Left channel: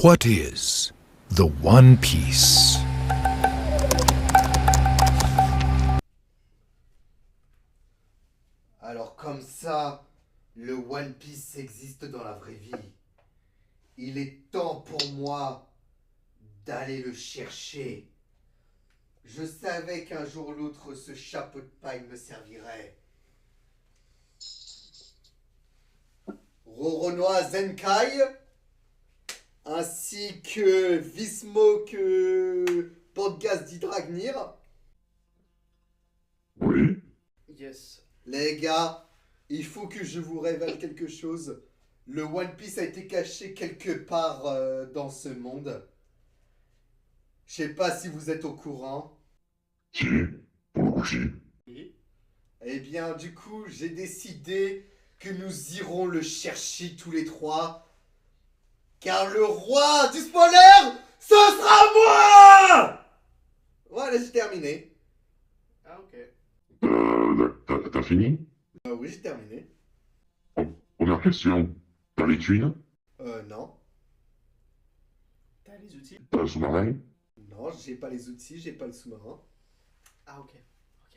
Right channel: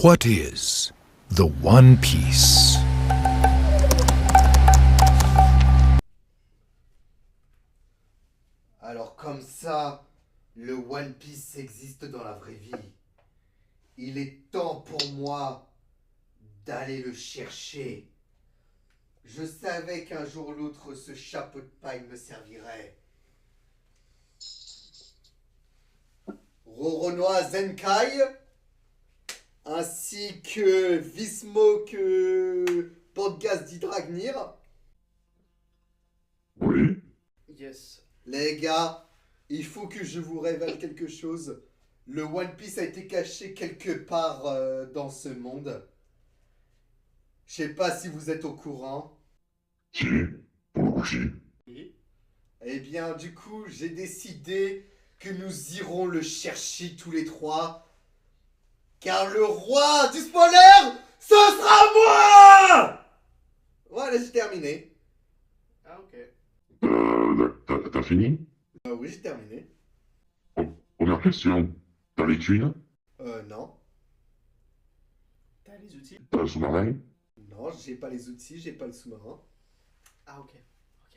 What is the One Piece? Alors comme ça, le One Piece existe dans la vraie vie. Il est temps pour moi d'aller le chercher. Je savais qu'un jour ou l'autre, ce chapeau de paille me servirait. Roronoa Zenkai, ainsi que Vismok Podcast d'Hydragnir. Oui. Yes. Les gars, il faut que je vous révèle quelque chose. Le One Piece a été caché quelque part dans ce monde. Je sais pas si vous êtes au courant. Si, pour le coup, si. Et Eh bien, du coup, j'ai décidé que nous irons le chercher tous les trois. Car le roi du spoiler, ce sera moi! Voilà, j'ai terminé. Ah, ok. T'as fini? Oui, j'ai terminé. Première question. T'as les tuiles? Non. T'as les outils? T'as le sous-marin? Non, j'ai pas les outils, j'ai pas le sous-marin. Ah, ok. Ok.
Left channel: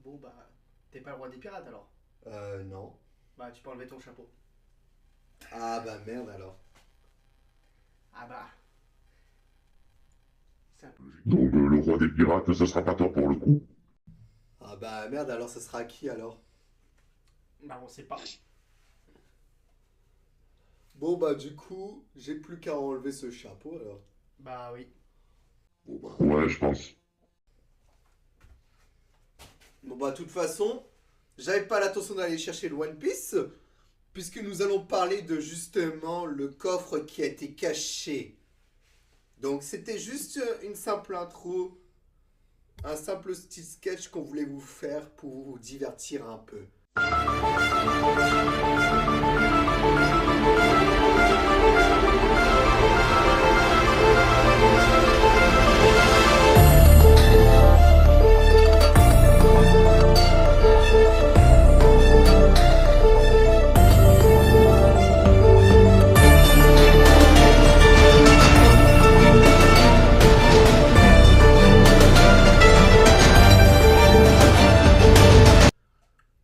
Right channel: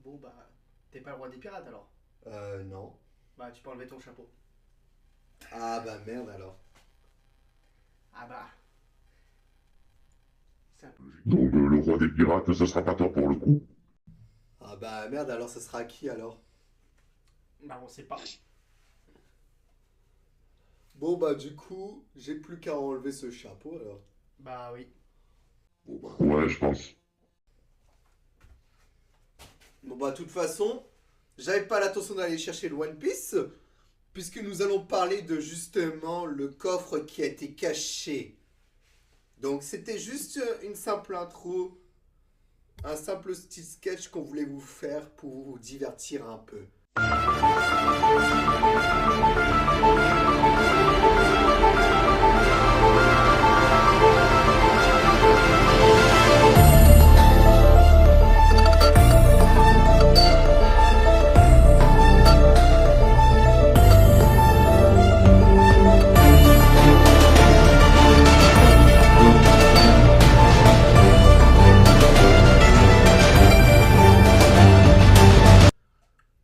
Bon, bah, t'es pas le roi des pirates alors? Non. Bah, tu peux enlever ton chapeau. Ah bah merde alors. Ah bah. C'est un peu. Donc le roi des pirates, ce sera pas toi pour le coup. Ah bah merde alors, ça sera qui alors? Bah, on sait pas. Bon bah du coup, j'ai plus qu'à enlever ce chapeau alors. Bah, oui. Bon, bah, ouais, je pense. Bon bah de toute façon, j'avais pas l'intention d'aller chercher le One Piece, puisque nous allons parler de justement le coffre qui a été caché. Donc c'était juste une simple intro, un simple petit sketch qu'on voulait vous faire pour vous divertir un peu.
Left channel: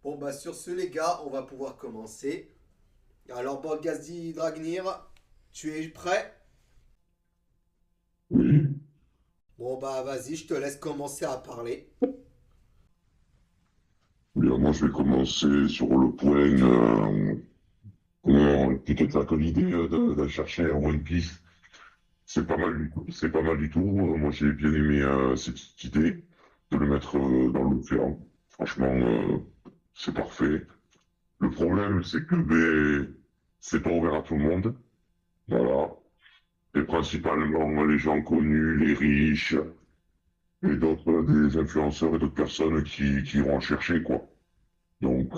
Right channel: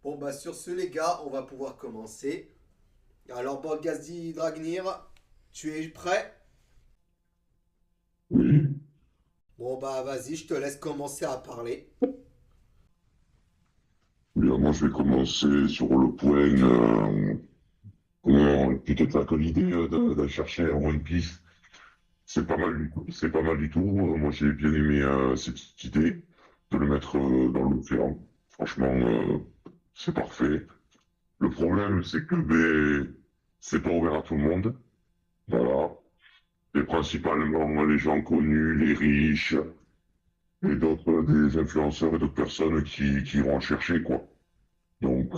Bon bah sur ce les gars, on va pouvoir commencer. Alors Borgazdi Dragnir, tu es prêt? Oui. Bon bah vas-y, je te laisse commencer à parler. Bien, moi, je vais commencer sur le point. Peut-être que l'idée d'aller chercher un One Piece, c'est pas mal, c'est pas mal du tout. Moi, j'ai bien aimé cette idée de le mettre dans l'océan. Franchement, c'est parfait. Le problème, c'est que c'est pas ouvert à tout le monde. Voilà. Et principalement les gens connus, les riches, et d'autres, des influenceurs et d'autres personnes qui vont le chercher, quoi. Donc,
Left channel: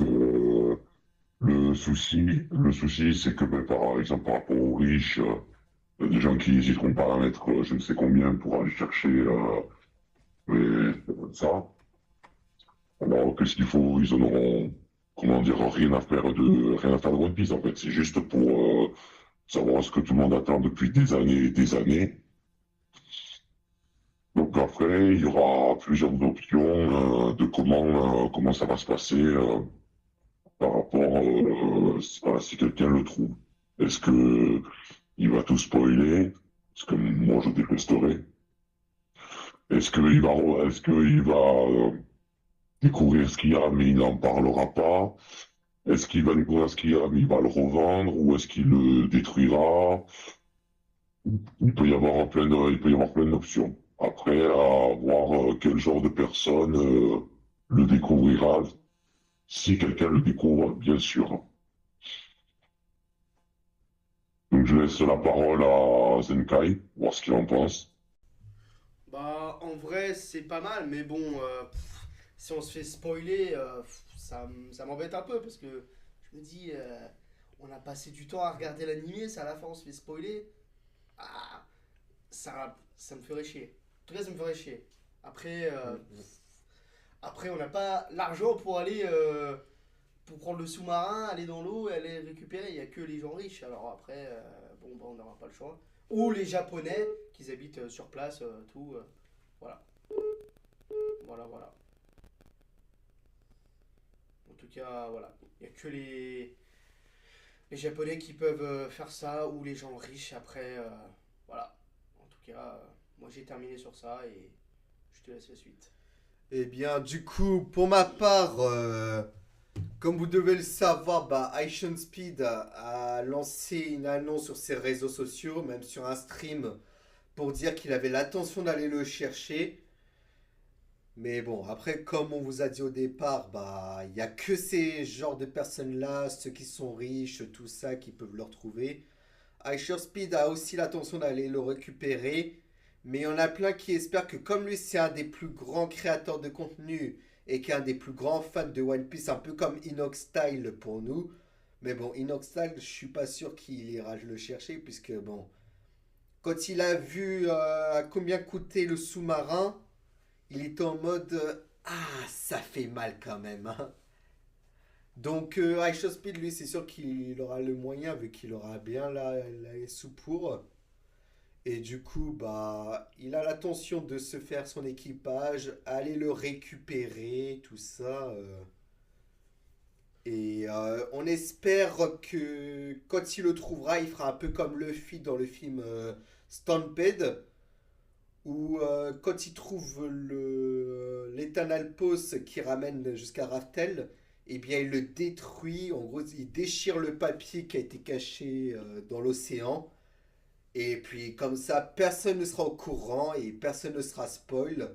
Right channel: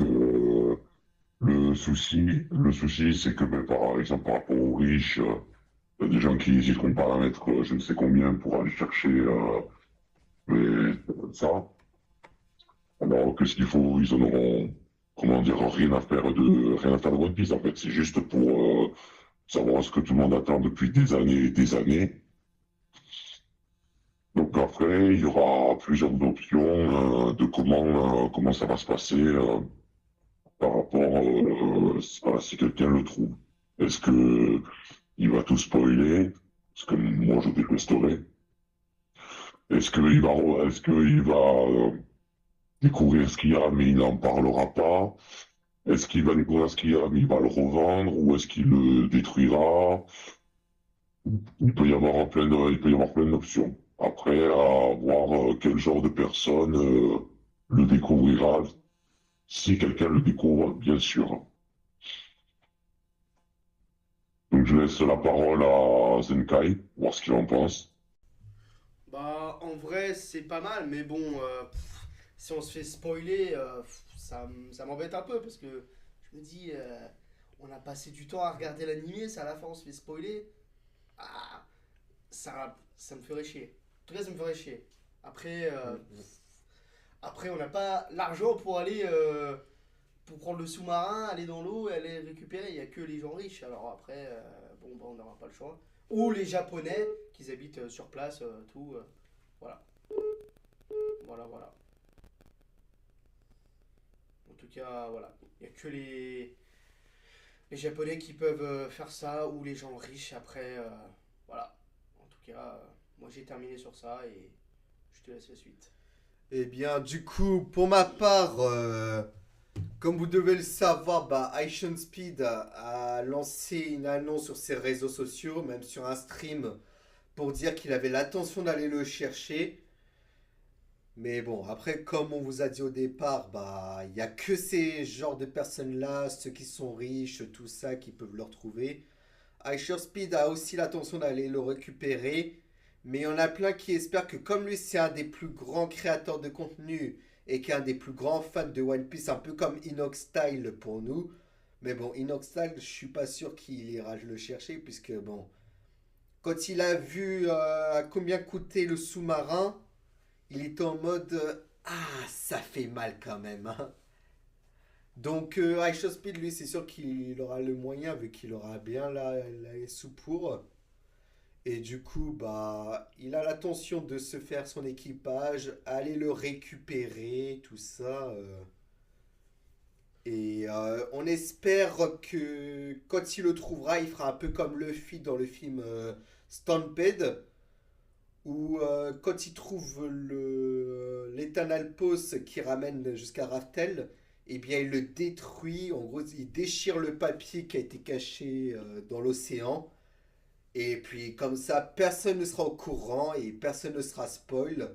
le souci, c'est que, par exemple, par rapport aux riches, des gens qui n'hésiteront pas à mettre je ne sais combien pour aller chercher ça. Alors, qu'est-ce qu'il faut? Ils en auront, comment dire, rien à faire de One Piece, en fait. C'est juste pour savoir ce que tout le monde attend depuis des années et des années. Donc après, il y aura plusieurs options de comment ça va se passer par rapport à si quelqu'un le trouve. Est-ce que il va tout spoiler? Ce que moi je détesterais. Est-ce qu'il va découvrir ce qu'il y a mais il n'en parlera pas? Est-ce qu'il va découvrir ce qu'il y a mais il va le revendre ou est-ce qu'il le détruira? Il peut y avoir plein d'options. Après, à voir quel genre de personne le découvrira. Si quelqu'un le découvre, bien sûr. Donc je laisse la parole à Zenkai, voir ce qu'il en pense. Bah, en vrai, c'est pas mal, mais bon, si on se fait spoiler, ça m'embête un peu parce que je me dis, on a passé du temps à regarder l'animé, ça à la fin on se fait spoiler. Ah, ça me ferait chier. En tout cas, ça me ferait chier. Après, après on n'a pas l'argent pour aller, pour prendre le sous-marin, aller dans l'eau et aller récupérer. Il n'y a que les gens riches. Alors après, bon, bah, on n'aura pas le choix. ou les Japonais qui habitent sur place, tout. Voilà. Voilà. En tout cas, voilà. Il n'y a que les Japonais qui peuvent faire ça, ou les gens riches après. Voilà. En tout cas, moi j'ai terminé sur ça et je te laisse la suite. Eh bien, du coup, pour ma part, comme vous devez le savoir, bah, Action Speed a lancé une annonce sur ses réseaux sociaux, même sur un stream, pour dire qu'il avait l'intention d'aller le chercher. Mais bon, après, comme on vous a dit au départ, bah, il n'y a que ces genres de personnes-là, ceux qui sont riches, tout ça, qui peuvent le retrouver. Speed a aussi l'intention d'aller le récupérer, mais il y en a plein qui espèrent que comme lui c'est un des plus grands créateurs de contenu et qu'un des plus grands fans de One Piece, un peu comme Inox Style pour nous, mais bon, Inox Style, je suis pas sûr qu'il ira le chercher puisque bon, quand il a vu à combien coûtait le sous-marin, il était en mode ah ça fait mal quand même, hein. Donc Speed lui c'est sûr qu'il aura le moyen vu qu'il aura bien la sous pour. Et du coup, bah, il a l'intention de se faire son équipage, aller le récupérer, tout ça. Et on espère que quand il le trouvera, il fera un peu comme Luffy dans le film Stampede, où quand il trouve l'Eternal Pause qui ramène jusqu'à Raftel, eh bien il le détruit. En gros, il déchire le papier qui a été caché dans l'océan. Et puis comme ça, personne ne sera au courant et personne ne sera spoil.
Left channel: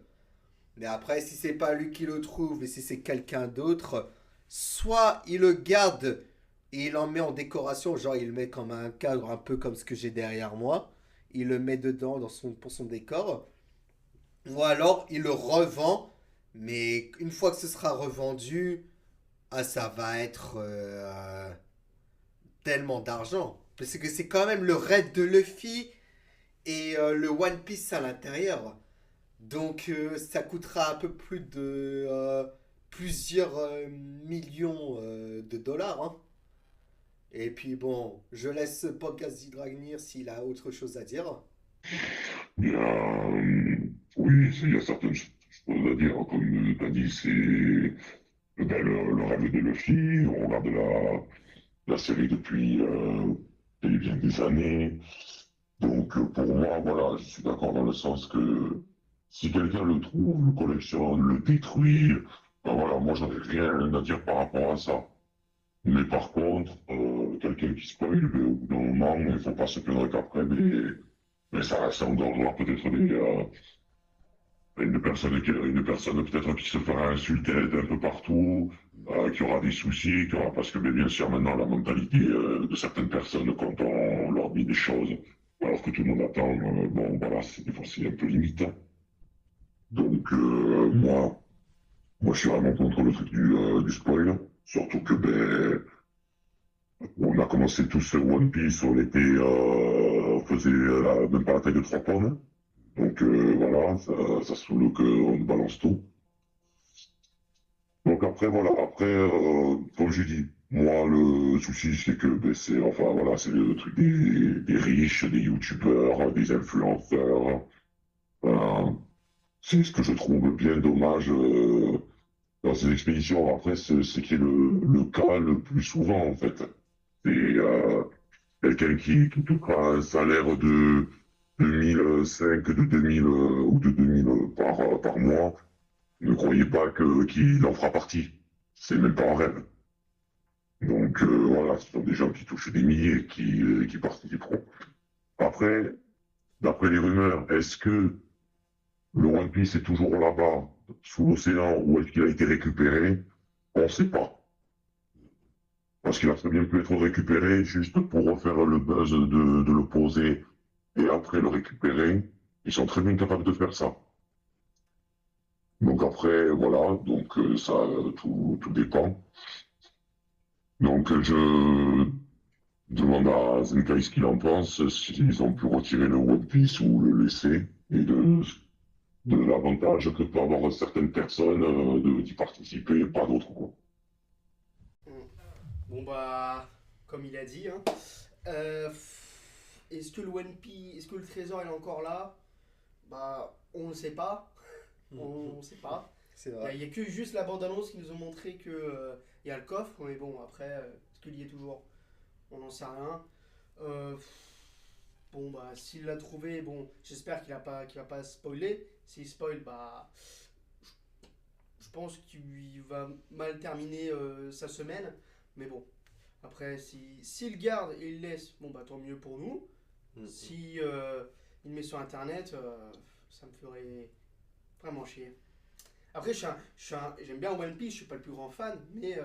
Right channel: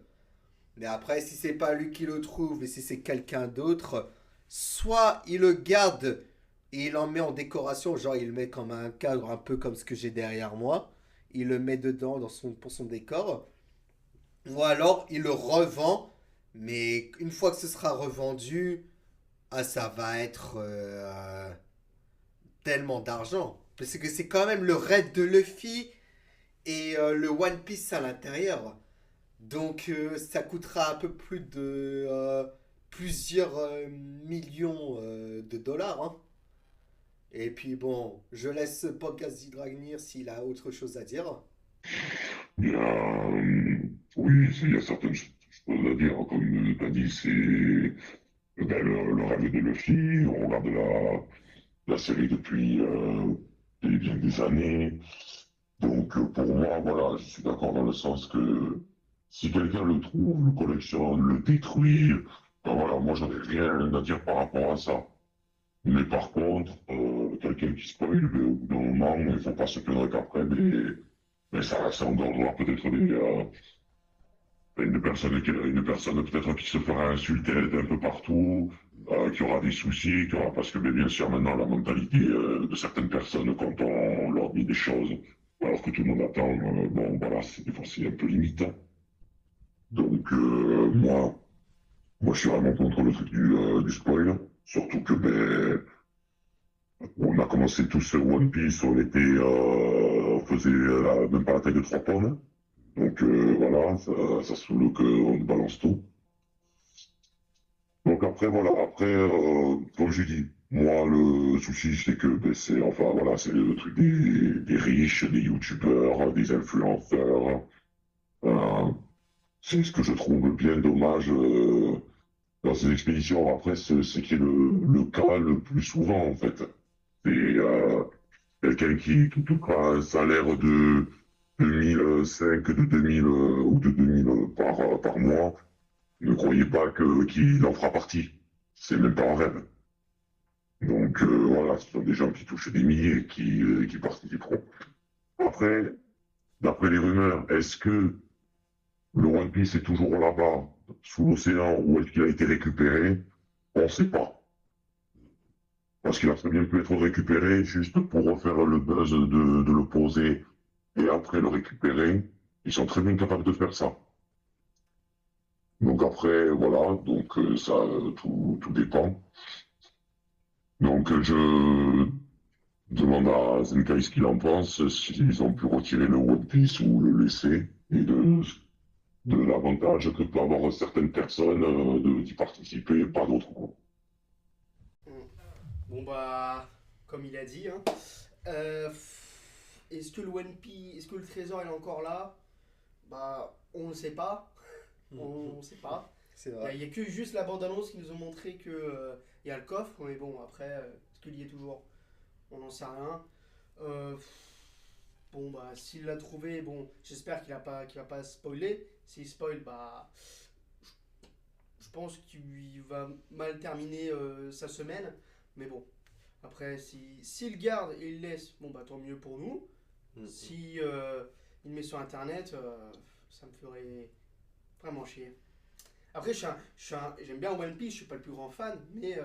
Mais après, si c'est pas lui qui le trouve et si c'est quelqu'un d'autre, soit il le garde et il en met en décoration, genre il le met comme un cadre, un peu comme ce que j'ai derrière moi. Il le met dedans pour son décor. Ou alors il le revend, mais une fois que ce sera revendu, ah, ça va être tellement d'argent. Parce que c'est quand même le raid de Luffy et le One Piece à l'intérieur. Donc ça coûtera un peu plus de plusieurs millions de dollars, hein. Et puis bon, je laisse Podcast Dragnir s'il a autre chose à dire. Bien, oui, il y a certaines choses à dire, comme tu as dit, c'est le rêve de Luffy, on regarde la série depuis bien des années. Donc pour moi, voilà, je suis d'accord dans le sens que si quelqu'un le trouve, le collectionne, le détruit, ben voilà, moi j'en ai rien à dire par rapport à ça. Mais par contre, quelqu'un qui spoil, au bout d'un moment, il ne faut pas se plaindre qu'après, mais ça engordera peut-être une personne peut-être qui se fera insulter d'un peu partout, qui aura des soucis, qui aura, parce que bien sûr maintenant la mentalité de certaines personnes quand on leur dit des choses, alors que tout le monde attend, bon ben là c'est des fois c'est un peu limite. Donc moi je suis vraiment contre le truc du spoil, surtout que ben on a commencé tous sur One Piece, on faisait même pas la taille de 3 pommes. Donc voilà, ça se trouve qu'on balance tout. Donc après, voilà, après, comme j'ai dit, moi, le souci, c'est que ben, enfin, voilà, c'est le truc des riches, des youtubeurs, des influenceurs. Euh, c'est ce que je trouve bien dommage dans ces expéditions. Après, c'est ce qui est le cas le plus souvent, en fait. C'est quelqu'un qui touchera un salaire de 2005, de 2000 ou de 2000 par mois. Ne croyez pas qu'il en fera partie. C'est même pas un rêve. Donc voilà, ce sont des gens qui touchent des milliers qui participeront. Après, d'après les rumeurs, est-ce que le One Piece est toujours là-bas, sous l'océan, ou est-ce qu'il a été récupéré? On ne sait pas. Parce qu'il a très bien pu être récupéré juste pour refaire le buzz de l'opposé et après le récupérer. Ils sont très bien capables de faire ça. Donc après, voilà, donc ça, tout dépend. Donc je demande à Zenkai ce qu'il en pense, s'ils ont pu retirer le One Piece ou le laisser, et de l'avantage que peuvent avoir certaines personnes d'y participer, pas d'autres, quoi. Hmm. Bon bah, comme il a dit, hein. est-ce que le One Piece, est-ce que le trésor il est encore là? Bah, on ne sait pas. On ne sait pas. C'est Il vrai. n'y a, que juste la bande-annonce qui nous ont montré que il y a le coffre, mais bon, après, est-ce qu'il y est toujours? On n'en sait rien. Euh, bon, bah, s'il l'a trouvé, bon, j'espère qu'il va pas spoiler. S'il spoil, bah, je pense qu'il va mal terminer sa semaine. Mais bon, après, s'il le garde et il le laisse, bon, bah, tant mieux pour nous. Si il le met sur internet, ça me ferait vraiment chier. Après, j'aime bien One Piece, je suis pas le plus grand fan, mais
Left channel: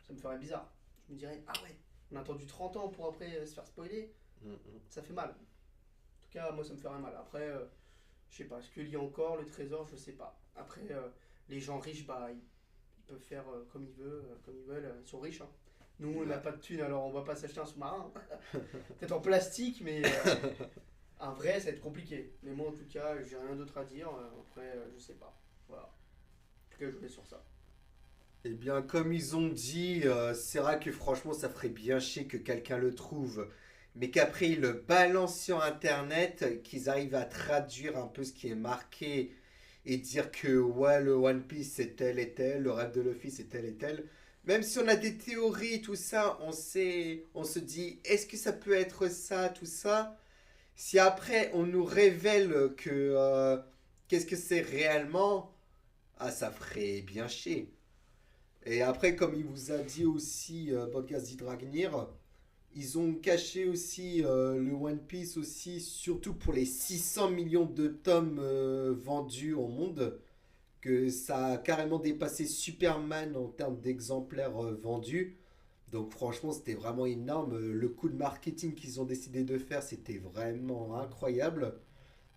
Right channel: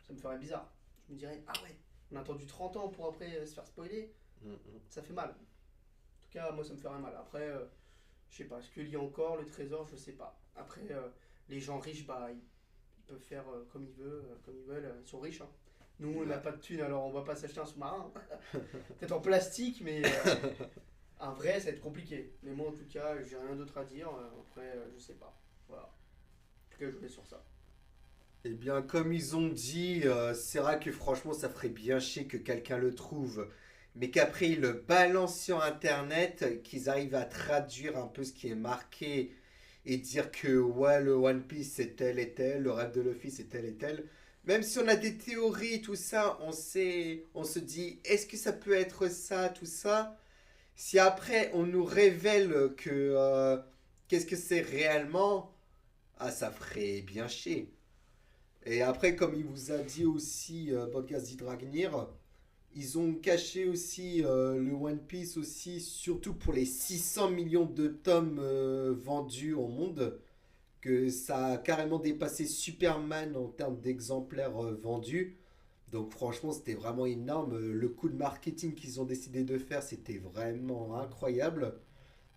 ça me ferait bizarre. Je me dirais, ah ouais, on a attendu 30 ans pour après se faire spoiler, ça fait mal. En tout cas, moi ça me ferait mal. Après, je sais pas, est-ce qu'il y a encore le trésor, je sais pas. Après, les gens riches, bah, ils peuvent faire comme ils veulent, ils sont riches. Hein. Nous, on n'a pas de thunes, alors on va pas s'acheter un sous-marin. Peut-être en plastique, mais un vrai, ça va être compliqué. Mais moi, en tout cas, j'ai rien d'autre à dire. Après, je sais pas. Voilà. En tout cas, je voulais sur ça. Eh bien, comme ils ont dit, c'est vrai que franchement, ça ferait bien chier que quelqu'un le trouve, mais qu'après ils le balancent sur Internet, qu'ils arrivent à traduire un peu ce qui est marqué et dire que ouais, le One Piece c'est tel et tel, le rêve de Luffy c'est tel et tel. Même si on a des théories, tout ça, on se dit, est-ce que ça peut être ça, tout ça? Si après on nous révèle que qu'est-ce que c'est réellement, ah, ça ferait bien chier. Et après, comme il vous a dit aussi, Podcast Dragnir, ils ont caché aussi le One Piece aussi, surtout pour les 600 millions de tomes vendus au monde, que ça a carrément dépassé Superman en termes d'exemplaires vendus. Donc franchement, c'était vraiment énorme. Le coup de marketing qu'ils ont décidé de faire, c'était vraiment incroyable.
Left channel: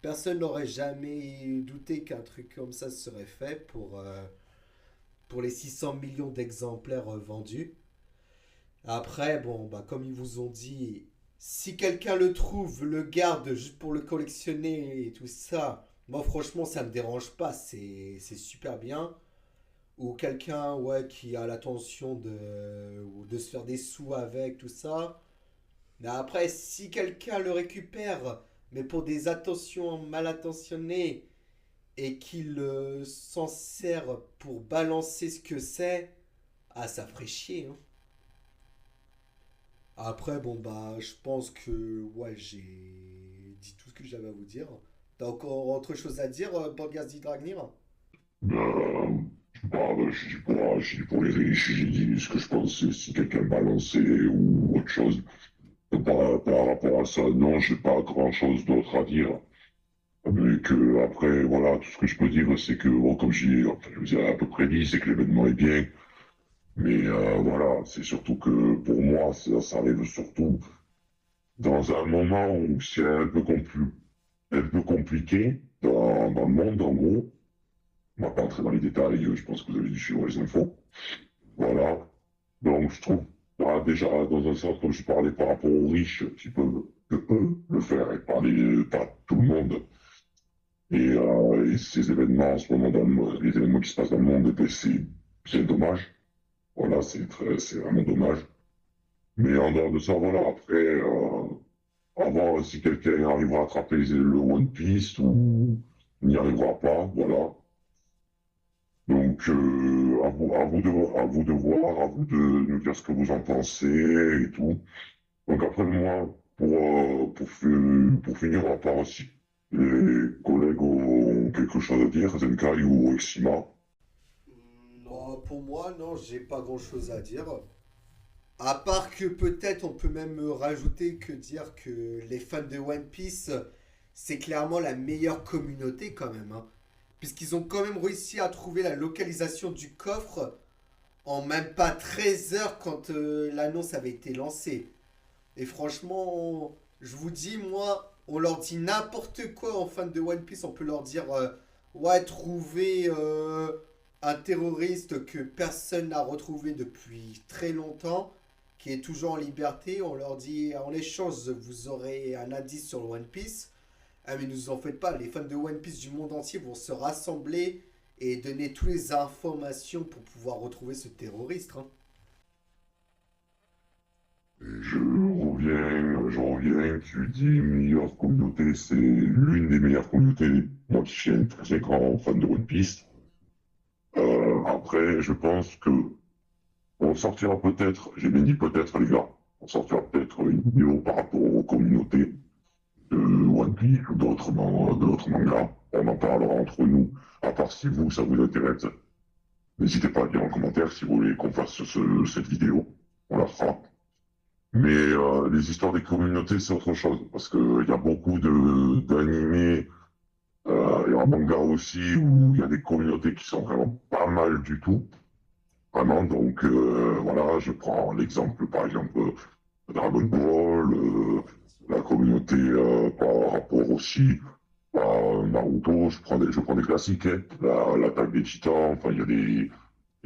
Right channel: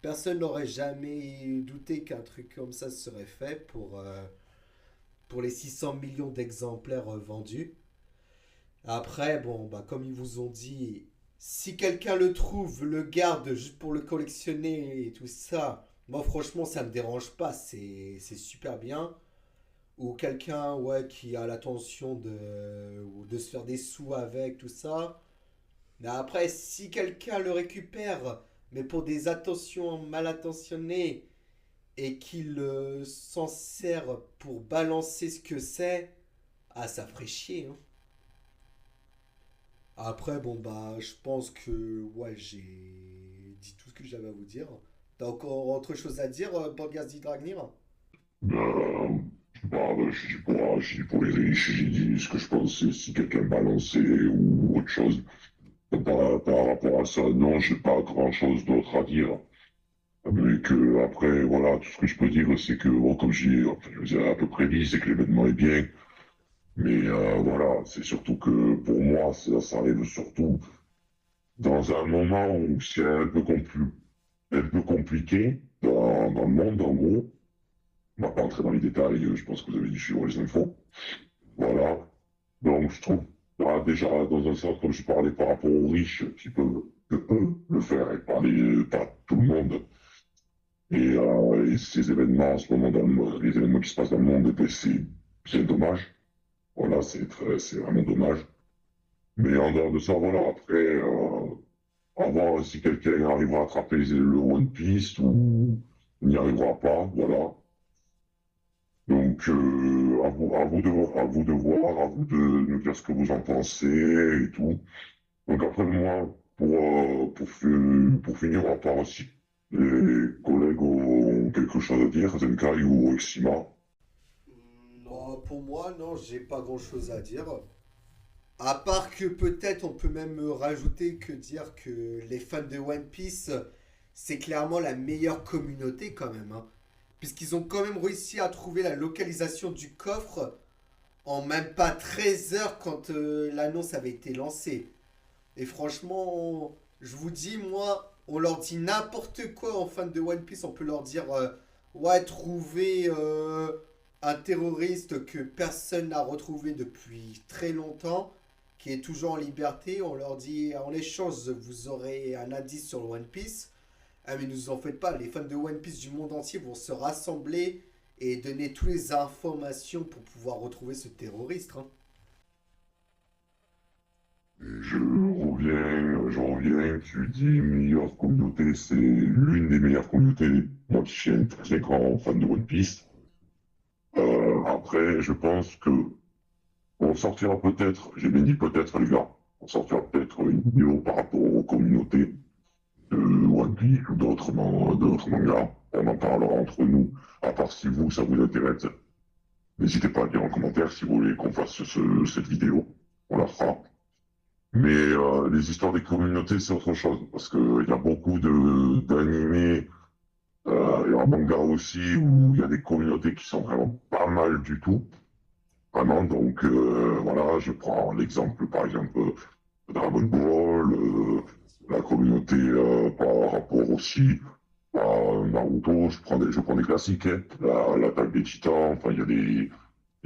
Personne n'aurait jamais douté qu'un truc comme ça serait fait pour les 600 millions d'exemplaires vendus. Après, bon, bah, comme ils vous ont dit, si quelqu'un le trouve, le garde juste pour le collectionner et tout ça, moi franchement ça me dérange pas, c'est super bien. Ou quelqu'un ouais, qui a l'intention de se faire des sous avec tout ça. Mais après, si quelqu'un le récupère, mais pour des attentions mal intentionnées et qu'il s'en sert pour balancer ce que c'est, ah ça ferait chier. Hein. Après, bon bah, je pense que ouais, j'ai dit tout ce que j'avais à vous dire. T'as encore autre chose à dire, Borgas Dragnir? Euh, je dis pour les riches, j'ai dit ce que je pense si quelqu'un balançait ou autre chose. Par rapport à ça, non, j'ai pas grand-chose d'autre à dire. Mais que après, voilà, tout ce que je peux dire, c'est que, bon, comme enfin, je vous ai à peu près dit, c'est que l'événement est bien. Mais voilà, c'est surtout que pour moi, ça arrive surtout dans un moment où c'est un peu compliqué dans le monde, en gros. On va pas entrer dans les détails, je pense que vous avez dû suivre les infos. Voilà. Donc, je trouve, bah, déjà, dans un sens, comme je parlais par rapport aux riches, qui peuvent, que eux, le faire, et pas tout le monde. Et ces événements, en ce moment, les événements qui se passent dans le monde, ben, c'est dommage. Voilà, c'est vraiment dommage. Mais en dehors de ça, voilà, après, à voir si quelqu'un arrivera à attraper le One Piece ou n'y arrivera pas, voilà. Donc, à vous de voir, à vous de nous dire ce que vous en pensez et tout. Donc après moi, pour finir, à part si les collègues ont quelque chose à dire, Zenkai ou Exima. Non. Bon, pour moi, non, j'ai pas grand chose à dire. À part que peut-être on peut même rajouter que dire que les fans de One Piece, c'est clairement la meilleure communauté quand même. Hein. Puisqu'ils ont quand même réussi à trouver la localisation du coffre en même pas 13 heures quand l'annonce avait été lancée. Et franchement, je vous dis, moi, on leur dit n'importe quoi en fan de One Piece. On peut leur dire, ouais, trouver un terroriste que personne n'a retrouvé depuis très longtemps, qui est toujours en liberté. On leur dit, en échange, vous aurez un indice sur le One Piece. Ah, mais ne vous en faites pas, les fans de One Piece du monde entier vont se rassembler et donner toutes les informations pour pouvoir retrouver ce terroriste. Hein. Je reviens, tu lui dis, meilleure communauté, c'est l'une des meilleures communautés. Moi qui suis un très grand fan de One Piece. Après, je pense que on sortira peut-être, j'ai bien dit peut-être les gars, on sortira peut-être une vidéo par rapport aux communautés de One Piece ou d'autres mangas. On en parlera entre nous, à part si vous, ça vous intéresse. N'hésitez pas à dire en commentaire si vous voulez qu'on fasse cette vidéo. On la fera. Mais les histoires des communautés, c'est autre chose. Parce qu'il y a beaucoup d'animés et en manga aussi où il y a des communautés qui sont vraiment pas mal du tout. Vraiment, donc voilà, je prends l'exemple par exemple Dragon Ball, la communauté par rapport aussi à Naruto, je prends des classiques, hein, l'attaque des titans, enfin il y a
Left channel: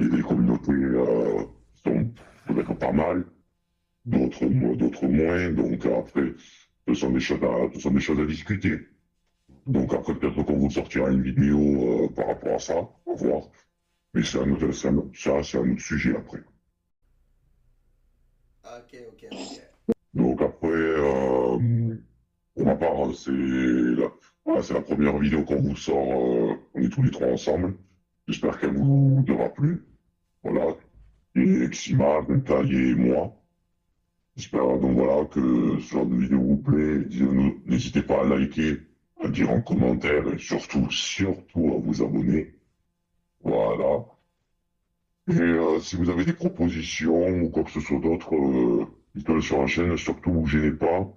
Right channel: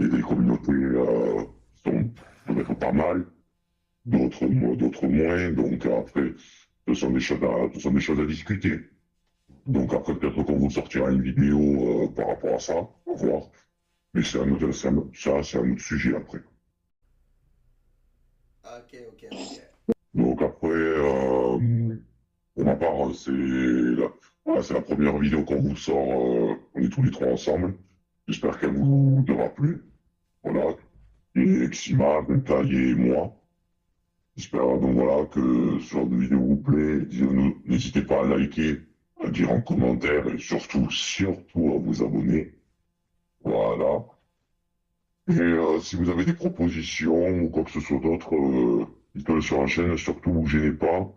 des communautés qui sont peut-être pas mal, d'autres moins, donc après, ce sont des choses à discuter. Donc après, peut-être qu'on vous sortira une vidéo par rapport à ça, on va voir. Mais c'est un autre sujet après. Ok. Donc après, pour ma part, voilà, c'est la première vidéo qu'on vous sort, on est tous les trois ensemble. J'espère qu'elle vous aura plu. Voilà. Et Exima, Bentaille et moi. J'espère donc voilà que ce genre de vidéo vous plaît. N'hésitez pas à liker, à dire en commentaire et surtout à vous abonner. Voilà. Et si vous avez des propositions ou quoi que ce soit d'autre, dites-le sur la chaîne, surtout, ne vous gênez pas.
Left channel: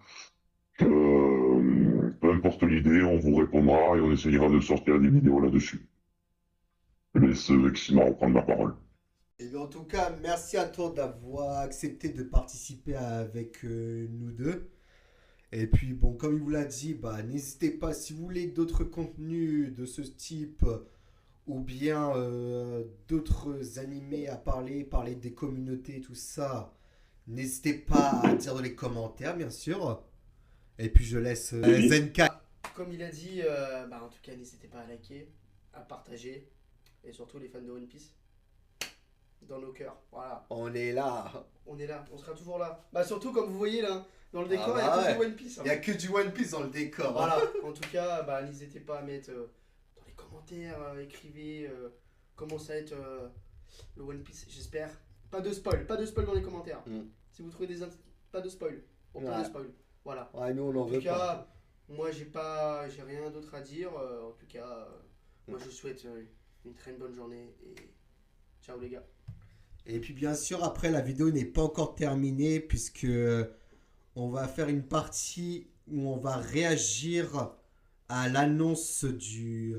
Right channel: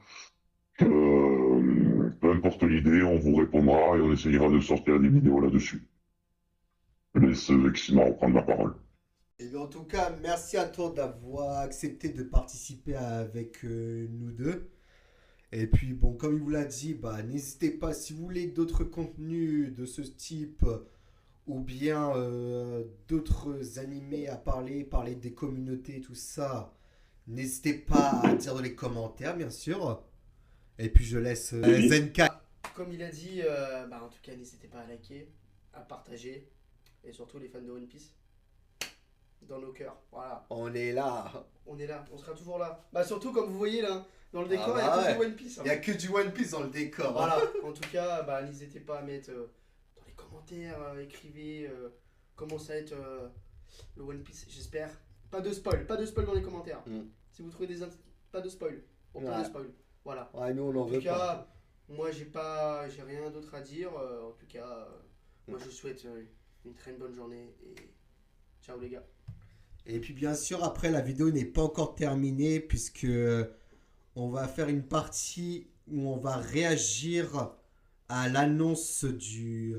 Peu importe l'idée, on vous répondra et on essayera de sortir des vidéos là-dessus. Je laisse Exima reprendre la parole. Et bien, en tout cas, merci à toi d'avoir accepté de participer avec nous deux. Et puis, bon, comme il vous l'a dit, bah, n'hésitez pas, si vous voulez d'autres contenus de ce type, ou bien d'autres animés à parler des communautés, tout ça, n'hésitez pas à dire dans les commentaires, bien sûr. Et puis, je laisse Zenka. Comme il a dit, en tout cas, n'hésitez pas à liker, à partager, et surtout les fans de One Piece, dans nos cœurs. Voilà. On est là. On est là, on sera toujours là. Bah, surtout, comme vous voyez là, dans le décor, il y bah a que ouais. du One Piece. Il n'y a que du One Piece dans le décor. Voilà, en tout cas, n'hésitez pas à mettre dans les commentaires, écrivez comment ça va être le One Piece, j'espère. Pas de spoil dans les commentaires. Si vous trouvez pas de spoil. Bon, pas de spoil. Voilà. Ouais, nous on en En veut tout cas, pas. moi j'ai rien d'autre à dire. En tout cas, moi je vous souhaite une très bonne journée et ciao les gars. Et puis bien sûr, après la vidéo n'est pas encore terminée puisque on va faire une partie où on va réagir à l'annonce du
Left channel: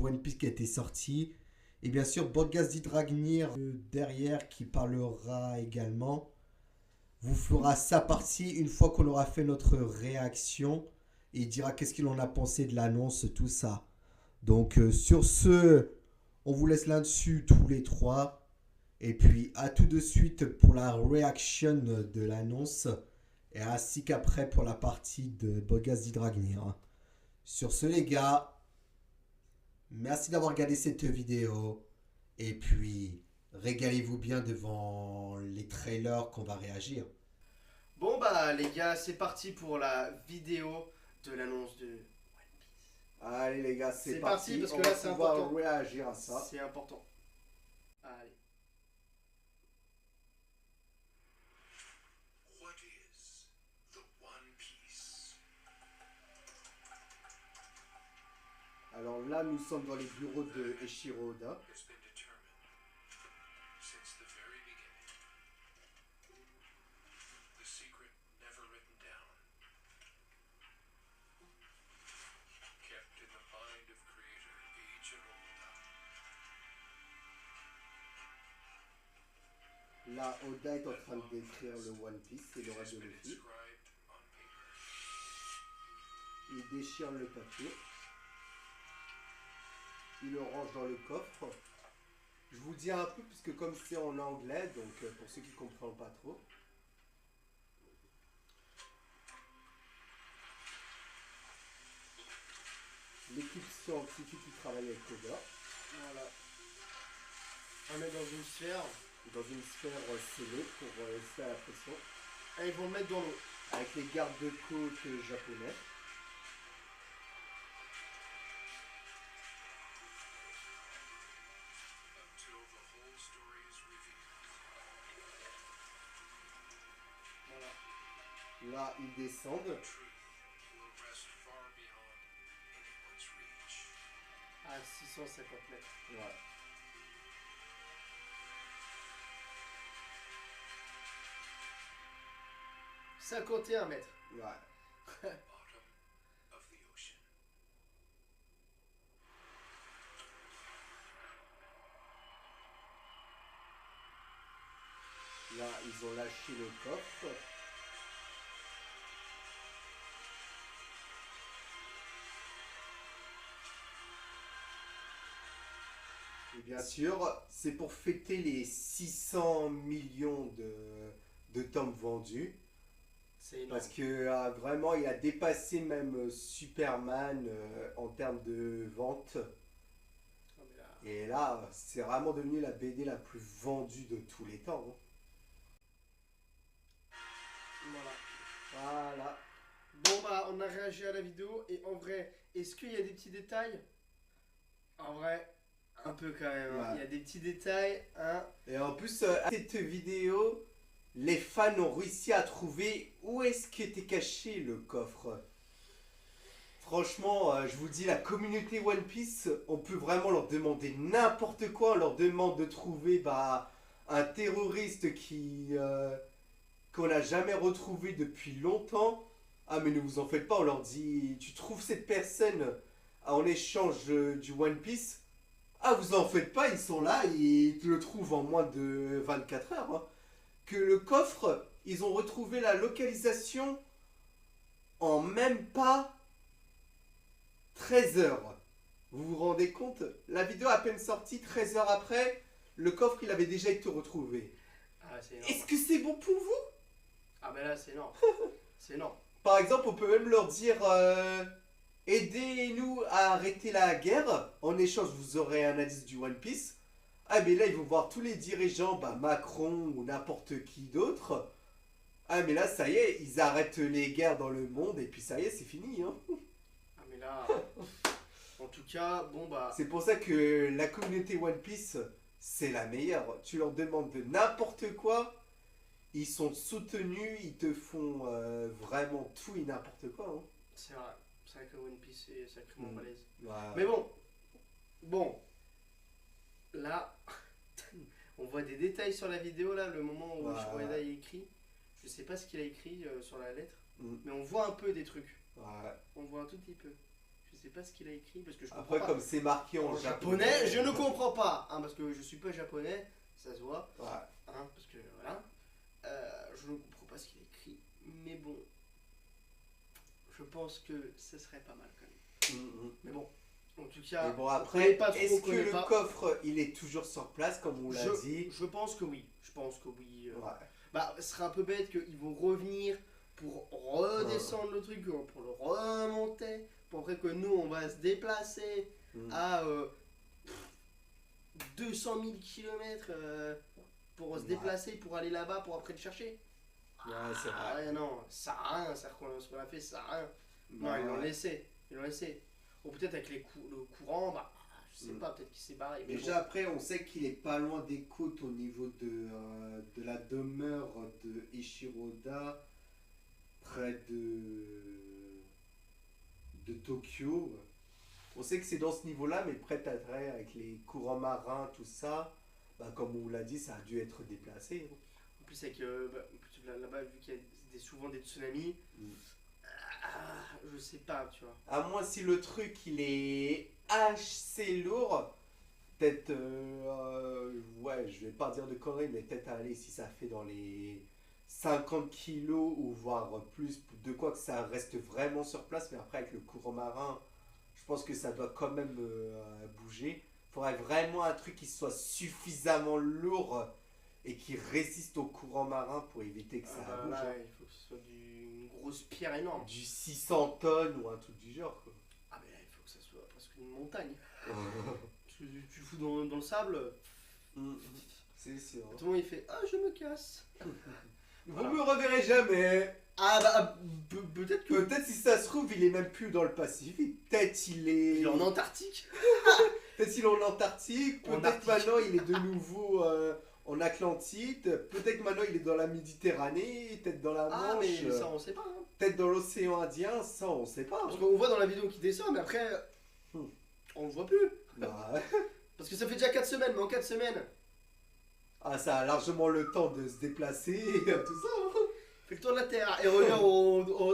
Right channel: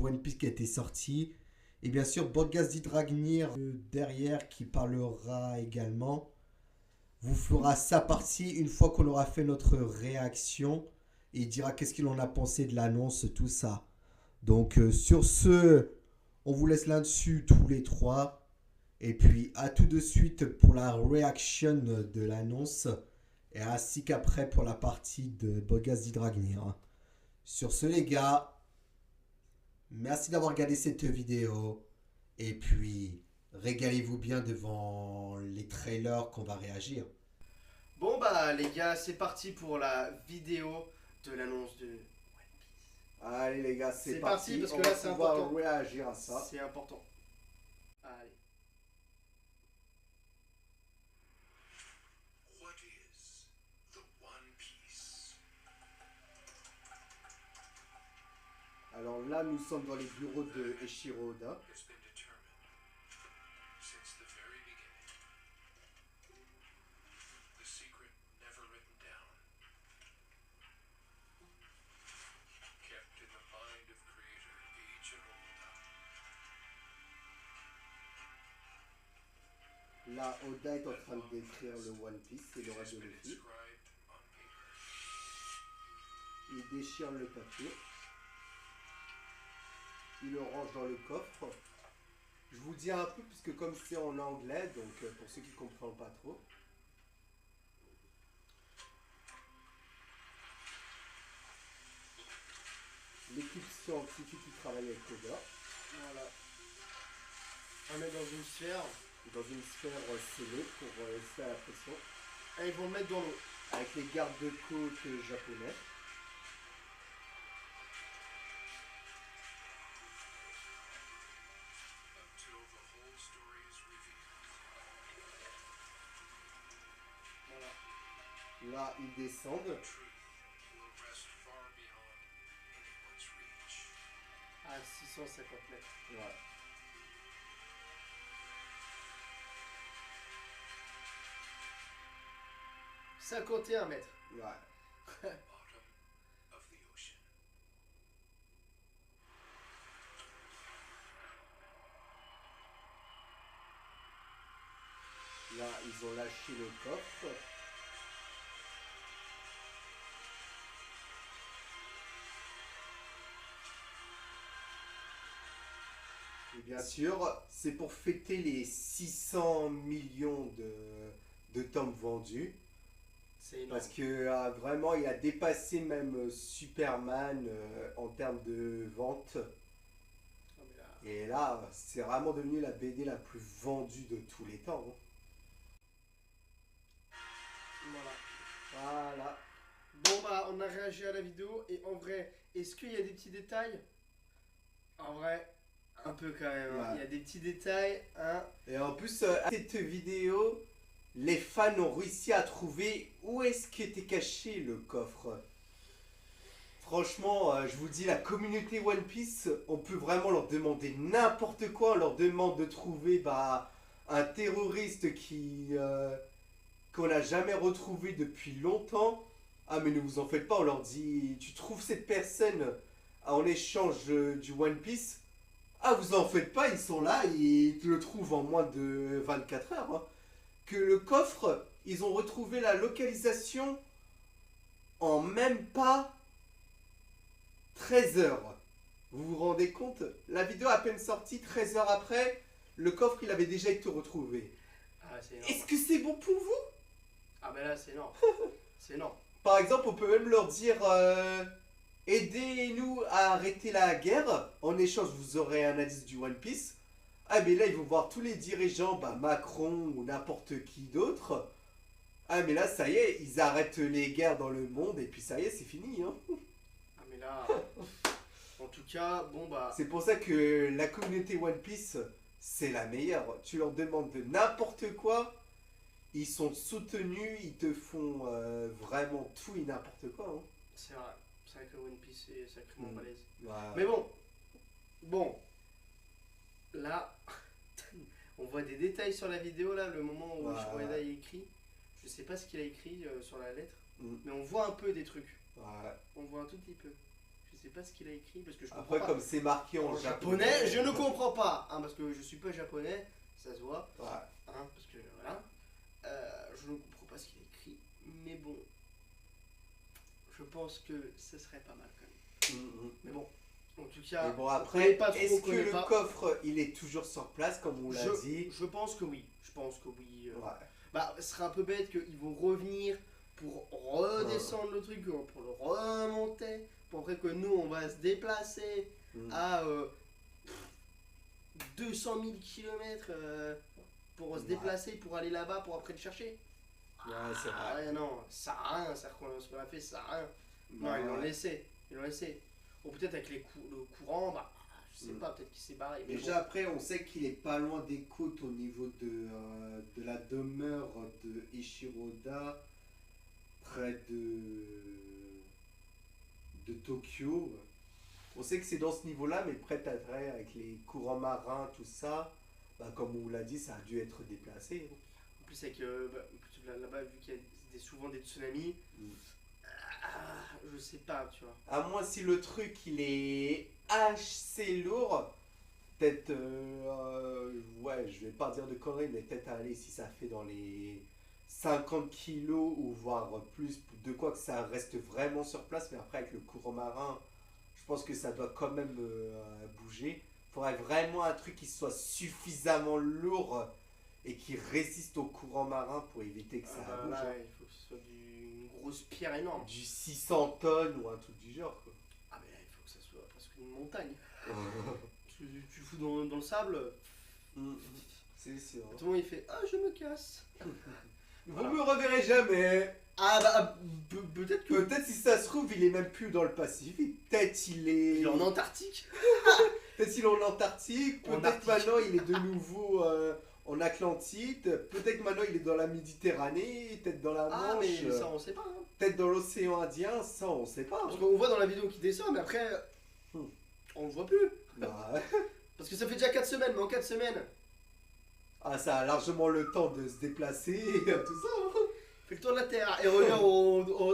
One Piece qui a été sorti. Et bien sûr, Bodgaz Dragnir derrière qui parlera également vous fera sa partie une fois qu'on aura fait notre réaction et il dira qu'est-ce qu'il en a pensé de l'annonce, tout ça. Donc sur ce, on vous laisse là-dessus tous les trois. Et puis à tout de suite pour la réaction de l'annonce et ainsi qu'après pour la partie de Bodgaz Dragnir. Sur ce les gars, merci d'avoir regardé cette vidéo et puis régalez-vous bien devant les trailers qu'on va réagir. Bon les gars, c'est parti pour la vidéo de l'annonce de One Piece. Allez les gars, c'est parti parce on que va là c'est pouvoir important. réagir à ça. C'est important. Allez. What is the One Piece? Alors là, nous sommes dans les bureaux de Eiichiro Oda. It's been determined since the very beginning. The secret never written down. Kept in the mind of creator Eiichiro Oda. Là, Oda est en train de décrire le One Piece et le reste de Luffy. Inscribed on paper. Il déchire le papier. Il le range dans le coffre. Je vous dis un peu, puisque comme c'est en anglais, donc pour ceux qui ne comprennent pas trop. L'équipe scientifique qui travaille avec Oda, Voilà. On est dans une sphère. dans une sphère scellée pour rester à la pression. Et ils vont le mettre dans l'eau. avec les gardes-côtes japonais. until the whole story is revealed. Voilà. Là, ils descendent. The truth will rest far beyond anyone's reach. À 650 mètres. Ouais. « 51 mètres. Ouais. Bottom of the ocean. Là, ils ont lâché le coffre. Et bien sûr, c'est pour fêter les 600 millions de tomes vendus. C'est énorme. Parce que vraiment, il a dépassé même Superman en termes de vente. Ah, mais là, Et là, c'est vraiment devenu la BD la plus vendue de tous les temps. Hein. voilà. Voilà. Bon bah on a réagi à la vidéo et en vrai, est-ce qu'il y a des petits détails? En vrai, un peu quand même. Hein. Ouais. Il y a des petits détails, hein. Et en plus, à cette vidéo, les fans ont réussi à trouver où est-ce qu'était caché le coffre. Franchement, je vous dis, la communauté One Piece, on peut vraiment leur demander n'importe quoi. On leur demande de trouver un terroriste qu'on n'a jamais retrouvé depuis longtemps. Ah mais ne vous en faites pas, on leur dit, tu trouves cette personne en échange du One Piece. Ah vous en faites pas, ils sont là, ils te le trouvent en moins de 24 heures. Hein. Que le coffre, ils ont retrouvé la localisation en même pas 13 heures. Vous vous rendez compte? La vidéo à peine sortie, 13 heures après, le coffre il avait déjà été retrouvé. Ah c'est énorme. Est-ce que c'est bon pour vous? Ah mais là c'est énorme. C'est énorme. Par exemple, on peut même leur dire aidez-nous à arrêter la guerre. En échange, vous aurez un indice du One Piece. Ah, mais là, ils vont voir tous les dirigeants, Macron ou n'importe qui d'autre. Ah, mais là, ça y est, ils arrêtent les guerres dans le monde et puis ça y est, c'est fini. Hein. Ah mais là, en tout cas, bon bah, C'est pour ça que la communauté One Piece, c'est la meilleure. Tu leur demandes de n'importe quoi. Ils sont soutenus, ils te font vraiment tout et n'importe quoi. Hein. c'est vrai. C'est vrai que One Piece est sacrément Mm. balèze. Voilà. Mais bon, là, on voit des détails sur la vidéo là, le moment où Ouais. Shimoda y écrit. Je sais pas ce qu'il a écrit sur la lettre, Mm. mais on voit un peu des trucs. Ouais. On voit un tout petit peu. Je sais pas ce qu'il a écrit parce que je comprends Après, pas. comme c'est marqué en En japonais, je ne comprends pas, hein, parce que je suis pas japonais, ça se voit, Ouais. hein, parce que voilà. Je ne comprends pas ce qu'il a écrit, mais bon, je pense que ce serait pas mal quand même. Mm, mm. Mais bon, en tout cas, Mais bon, on après, connaît pas trop, est-ce on que connaît le pas. coffre, il est toujours sur place, comme on l'a dit? Je pense que oui. Je pense que oui. Ouais. Bah, ce serait un peu bête qu'ils vont revenir pour redescendre le truc, pour le remonter, pour après que nous, on va se déplacer Mm. à 200 000 km pour se Ouais. déplacer, pour aller là-bas, pour après le chercher. Ouais, c'est Ah vrai. ouais, non, ça sert à rien, ce qu'on a fait, ça sert à rien. Non, Ouais. ils l'ont laissé. Ils l'ont laissé. Ou peut-être avec le courant, bah, je sais Mm. pas, peut-être qu'il s'est barré. Mais Déjà, après, on sait qu'il est pas loin des côtes au niveau de la demeure de Ishiroda, près de Tokyo. On sait que c'est dans ce niveau-là, mais près d'Atré, avec les courants marins, tout ça, comme on vous l'a dit, ça a dû être déplacé. en plus, avec, là-bas, vu qu'il y a souvent des tsunamis, Mm. je sais pas, tu vois. À moins si le truc il est assez lourd, peut-être, ouais, je vais pas dire de conneries, mais peut-être aller si ça fait dans les 50 kilos ou voire plus, de quoi que ça reste vraiment sur place, mais après avec le courant marin, je pense que ça doit quand même bouger. Il faudrait vraiment un truc qui soit suffisamment lourd et qui résiste au courant marin pour éviter que ça bouge. Là, Hein. il faut que ce soit une grosse pierre énorme. Du 600 tonnes ou un truc du genre, quoi. Ah, mais là, il faut que ça soit presque une montagne. Parce que tu le fous dans le sable, Mm, c'est sûr. tout le monde il fait ah, je me casse. Vous me reverrez jamais. Ah bah, peut-être que. Peut-être si ça se trouve, il est même plus dans le Pacifique. Peut-être il est. Il est en Antarctique. Peut-être il est en Antarctique. En Peut-être Arctique. maintenant il est de nouveau en Atlantide. Peut-être maintenant il est dans la Méditerranée. Peut-être dans la Ah, Manche. mais ça, on sait pas. Hein. Peut-être dans l'océan Indien. Ça, on sait pas. Parce qu'on voit dans la vidéo qu'il descend, mais après, on le voit plus. Bah, ouais. Parce que ça fait déjà 4 semaines, mais en 4 semaines, Ah, ça a largement le temps de se déplacer. Tout ça. Hein. fait le tour de la Terre et revient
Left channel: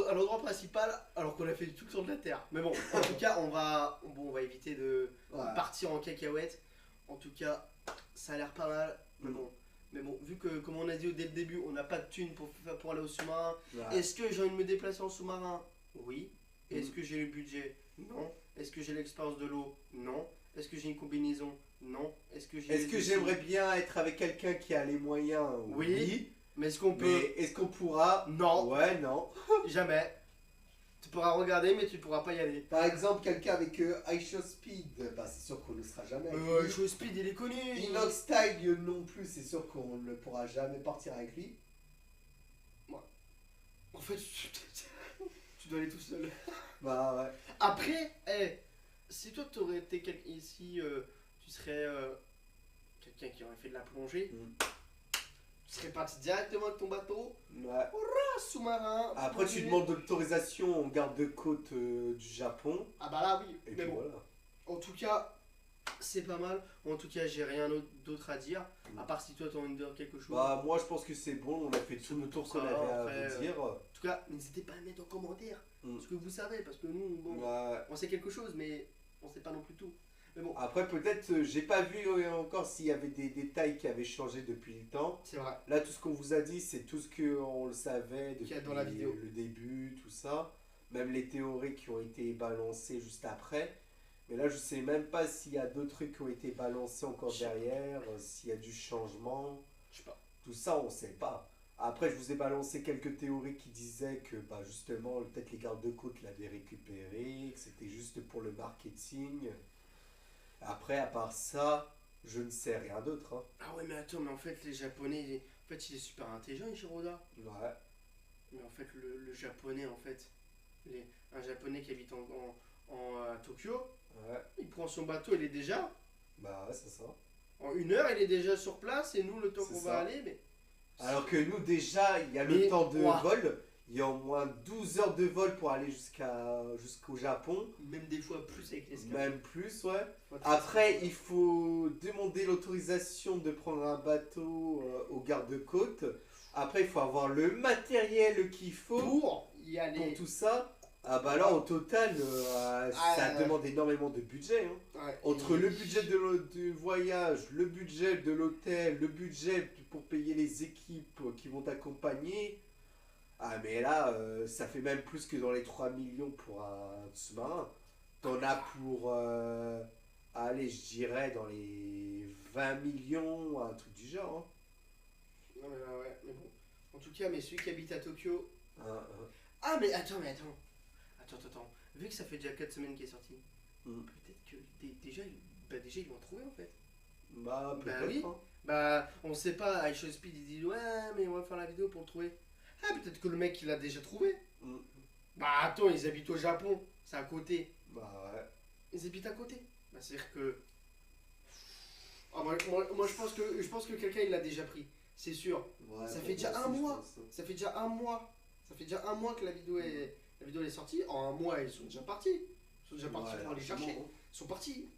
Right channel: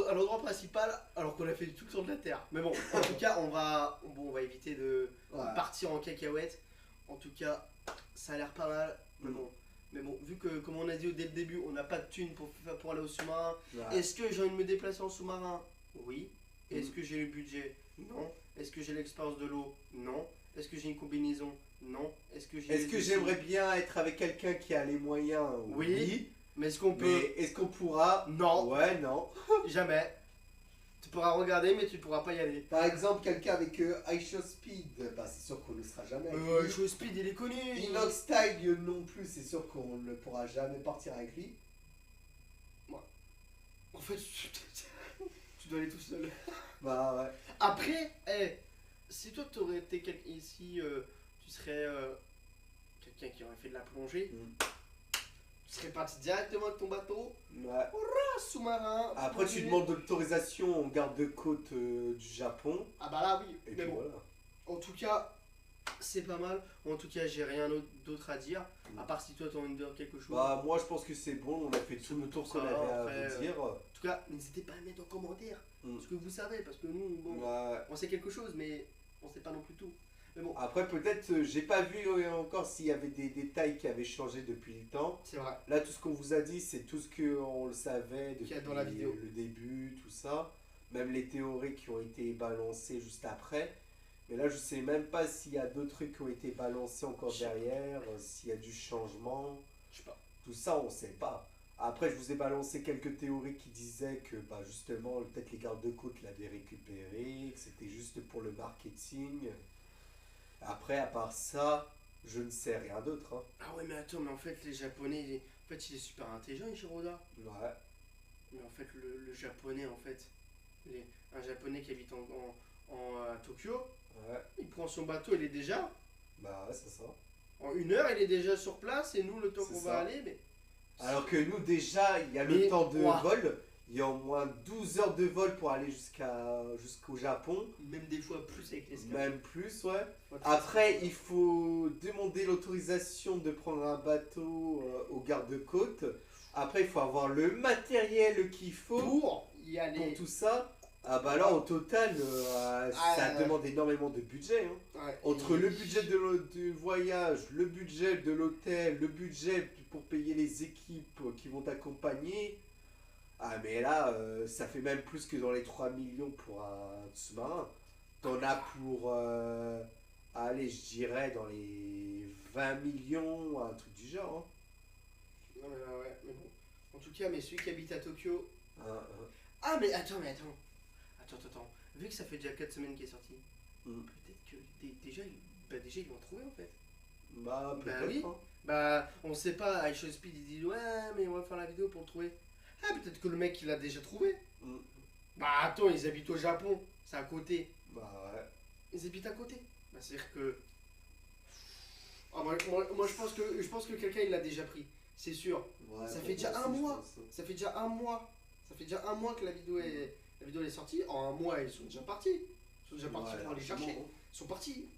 à l'endroit principal alors qu'on a fait tout le tour de la Terre. Mais bon, en tout cas, on va éviter de Ouais. partir en cacahuète. En tout cas, ça a l'air pas mal. Mais bon, vu que, comme on a dit dès le début, on n'a pas de thunes pour aller au sous-marin. Ouais. Est-ce que j'ai envie de me déplacer en sous-marin? Oui. Est-ce Mm. que j'ai le budget? Non. Est-ce que j'ai l'expérience de l'eau? Non. Est-ce que j'ai une combinaison? Non. Est-ce que j'ai Est-ce les que outils? j'aimerais bien être avec quelqu'un qui a les moyens? Oui. Mais est-ce qu'on peut? Mais est-ce qu'on pourra? Non. Ouais, non. Jamais. Tu pourras regarder, mais tu pourras pas y aller. Par exemple, quelqu'un avec iShow Speed, bah c'est sûr qu'on ne sera jamais avec lui. Show Speed, il est connu. Inox Style non plus, c'est sûr qu'on ne pourra jamais partir avec lui. En fait, tu dois aller tout seul. Bah ouais. Après, si toi t'aurais été quelqu'un ici, tu serais quelqu'un qui aurait fait de la plongée, tu serais parti directement avec ton bateau, Ouais. sous-marin. Après, tu plongée. demandes l'autorisation au garde-côte du Japon. Ah bah là, oui. Et Mais puis bon, voilà. en tout cas, c'est pas mal. En tout cas, j'ai rien d'autre à dire. À part si toi t'as envie de dire quelque chose. Bah, moi je pense que c'est bon, on a fait tout le tour qu'on Ça, avait à après, vous dire. En tout cas, n'hésitez pas à mettre en commentaire ce que vous savez, parce que nous, bon, Ouais. on sait quelque chose, mais on sait pas non plus tout. Mais bon, Après, peut-être, j'ai pas vu encore s'il y avait des détails qui avaient changé depuis le temps. c'est vrai. Là, tout ce qu'on vous a dit, c'est tout ce qu'on le savait Qu'il depuis y a dans la vidéo. le début, tout ça. Même les théories qui ont été balancées juste après. Mais là, je sais même pas s'il y a d'autres trucs qui ont été balancés encore Je sais pas. derrière, s'il y a du changement. Je sais pas. Tout ça, on sait pas. Après, je vous ai balancé quelques théories qui disaient que, bah, justement, peut-être les gardes-côtes l'avaient récupéré, que c'était juste pour le marketing. Après, à part ça, je ne sais rien d'autre. Hein. Ah ouais, mais attends, mais en fait, les Japonais, en fait, il est super intelligent, Ishiroda. Ouais. Mais en fait, le Japonais, en fait, un Japonais qui habite à Tokyo, Ouais. il prend son bateau, il est déjà, Bah, ouais, c'est ça. en 1 heure, il est déjà sur place, et nous, le temps C'est qu'on ça. va aller, mais... Alors que nous, déjà, il y a Mais, le temps de ouah. vol. Il y a au moins 12 heures de vol pour aller jusqu'au Japon. Même des fois plus avec les Même plus, ouais. Après, il faut demander l'autorisation de prendre un bateau au garde-côte. Après, il faut avoir le matériel qu'il faut pour y pour aller. tout ça. Ah bah là, au total, ça ouais. demande énormément de budget. Hein. Ouais, Entre et- le budget du voyage, le budget de l'hôtel, le budget pour payer les équipes qui vont t'accompagner. Ah mais là, ça fait même plus que dans les 3 millions pour un sous-marin. T'en as pour, allez, je dirais dans les 20 millions, un truc du genre. Non, mais ouais, mais bon. En tout cas, mais celui qui habite à Tokyo... Hein. Hein. Ah, mais attends. Attends. Vu que ça fait déjà 4 semaines qu'il est sorti, peut-être que déjà, ils l'ont trouvé en fait. Bah peut-être. oui. Hein. Bah, on sait pas, iShow Speed il dit ouais, mais on va faire la vidéo pour le trouver. Ah, peut-être que le mec il l'a déjà trouvé. Mm. Bah, attends, ils habitent au Japon, c'est à côté. Bah ouais. Ils habitent à côté. Bah, c'est-à-dire que. Ah, moi, je pense que quelqu'un il l'a déjà pris, c'est sûr. Ouais, Ça pour fait déjà moi un aussi, je mois. pense, hein. Ça fait déjà un mois. Ça fait déjà un mois que la vidéo est sortie. En un mois, ils sont déjà partis. Ils sont déjà partis Ouais, pour aller chercher. largement, Ils sont partis.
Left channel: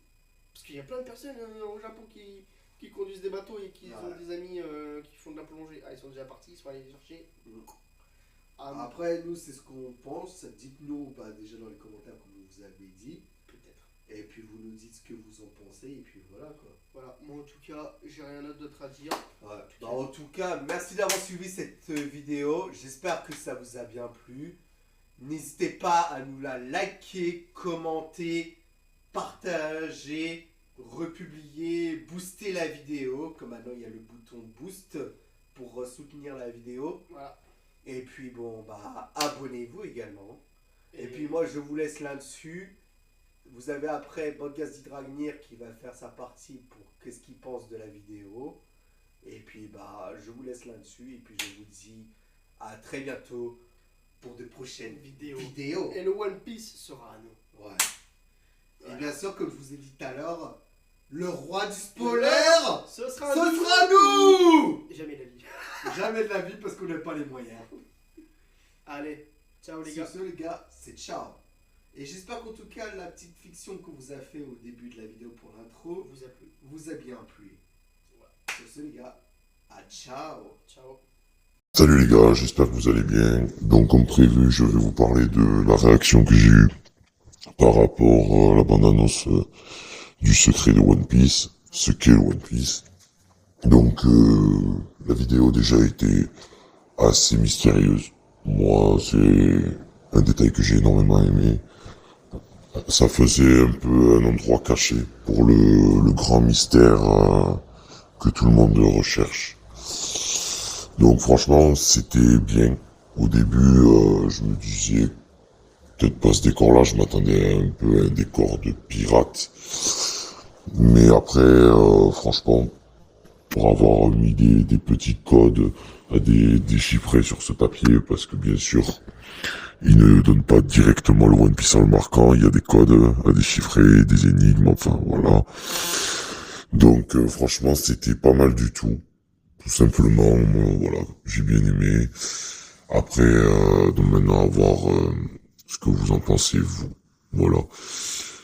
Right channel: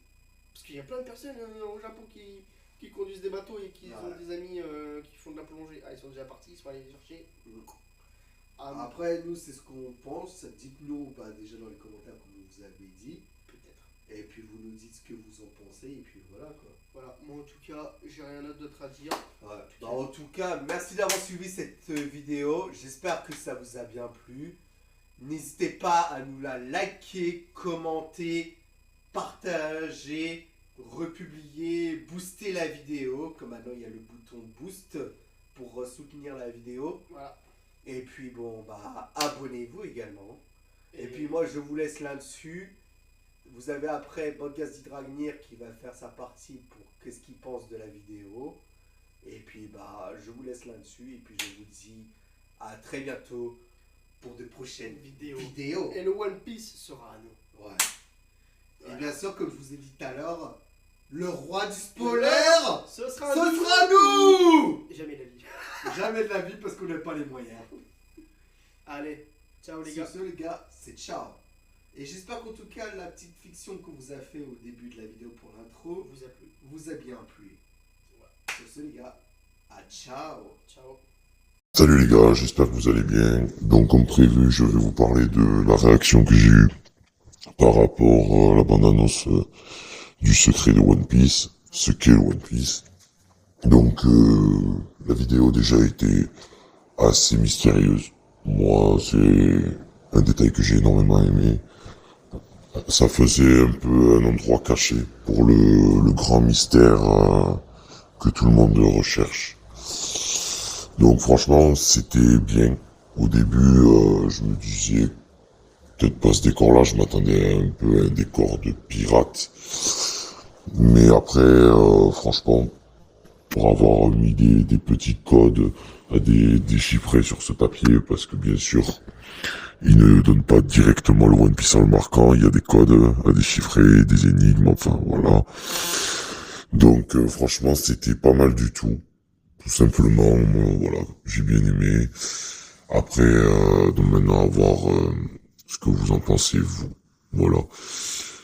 Parce qu'il y a plein de personnes au Japon qui conduisent des bateaux et qui Ouais. ont des amis qui font de la plongée. Ah, ils sont déjà partis, ils sont allés les chercher. Mm. Ah, Après, nous, c'est ce qu'on pense. Dites-nous bah, déjà dans les commentaires, comme vous avez dit. peut-être. Et puis vous nous dites ce que vous en pensez. Et puis voilà quoi. Voilà, moi en tout cas, j'ai rien d'autre à dire. Ouais. Bah, en tout cas, merci d'avoir suivi cette vidéo. J'espère que ça vous a bien plu. N'hésitez pas à nous la liker, commenter, partager, republier, booster la vidéo. Comme maintenant, il y a le bouton boost pour soutenir la vidéo. Voilà. Et puis bon, bah abonnez-vous également. Et puis moi, je vous laisse là-dessus. Vous avez après Podcast Dragnir qui va faire sa partie pour qu'est-ce qu'il pense de la vidéo. Et puis bah je vous laisse là-dessus. Et puis je vous dis à très bientôt pour de prochaines Vidéo. vidéos. Et le One Piece sera à nous. Ouais. Et bien sûr, comme je vous ai dit tout à l'heure, le roi du spoiler, Ce ce sera sera nous. Jamais la vie. Jamais de la vie parce qu'on n'a pas les moyens. Allez, ciao les Sur gars. ce, les gars, c'est ciao. Et j'espère qu'en tout cas, la petite fiction qu'on vous a fait au début de la vidéo pour l'intro Vous a plu. vous a bien plu. Sur ce, les gars, à ciao. Ciao. Salut les gars, j'espère que vous allez bien. Donc comme prévu, je vais vous parler de la réaction que j'ai eue par rapport à la bande-annonce du secret de One Piece, ce qu'est le One Piece. Donc la vidéo déjà été assez mystérieuse. Moi, c'est un détail que j'ai énormément aimé. Ça faisait un peu un endroit caché pour le grand mystère que tout le monde recherche. Donc franchement, c'était bien. Au début, je me disais, peut-être pas ce décor-là, je m'attendais un peu à un décor de pirate. Mais après, franchement, pour avoir mis des petits codes à déchiffrer sur ce papier, parce que bien sûr, il ne donne pas directement le One Piece en le marquant, il y a des codes à déchiffrer, des énigmes, enfin voilà. Donc franchement, c'était pas mal du tout. Tout simplement, voilà, j'ai bien aimé. Après, donc maintenant à voir ce que vous en pensez, vous. Voilà.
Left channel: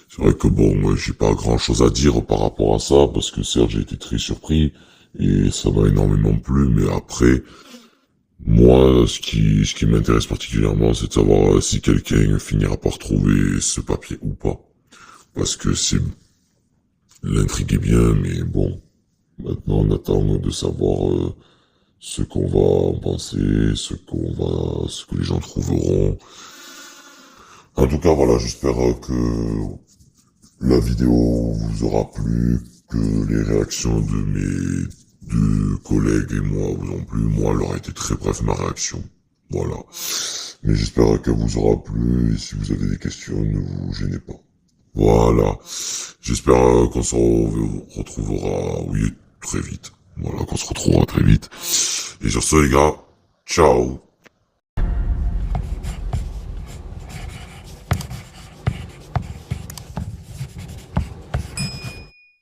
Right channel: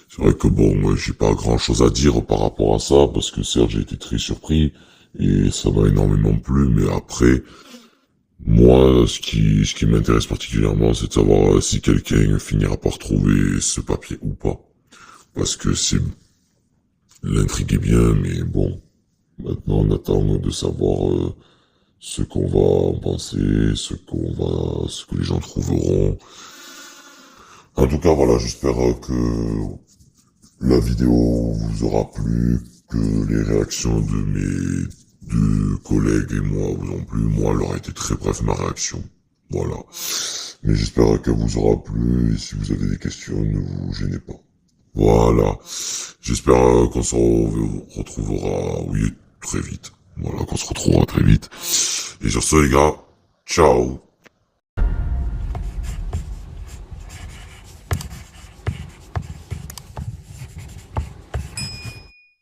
C'est vrai que bon, moi, j'ai pas grand chose à dire par rapport à ça, parce que certes, j'ai été très surpris, et ça m'a énormément plu, mais après, moi, ce qui m'intéresse particulièrement, c'est de savoir si quelqu'un finira par trouver ce papier ou pas. Parce que l'intrigue est bien, mais bon, maintenant on attend de savoir ce qu'on va en penser, ce que les gens trouveront. En tout cas, voilà, j'espère que la vidéo vous aura plu, que les réactions de mes deux collègues et moi vous ont plu. Moi, elle aura été très bref, ma réaction. Voilà. Mais j'espère qu'elle vous aura plu, et si vous avez des questions, ne vous gênez pas. Voilà. J'espère qu'on se retrouvera, oui, très vite. Voilà, qu'on se retrouvera très vite. Et sur ce, les gars, ciao.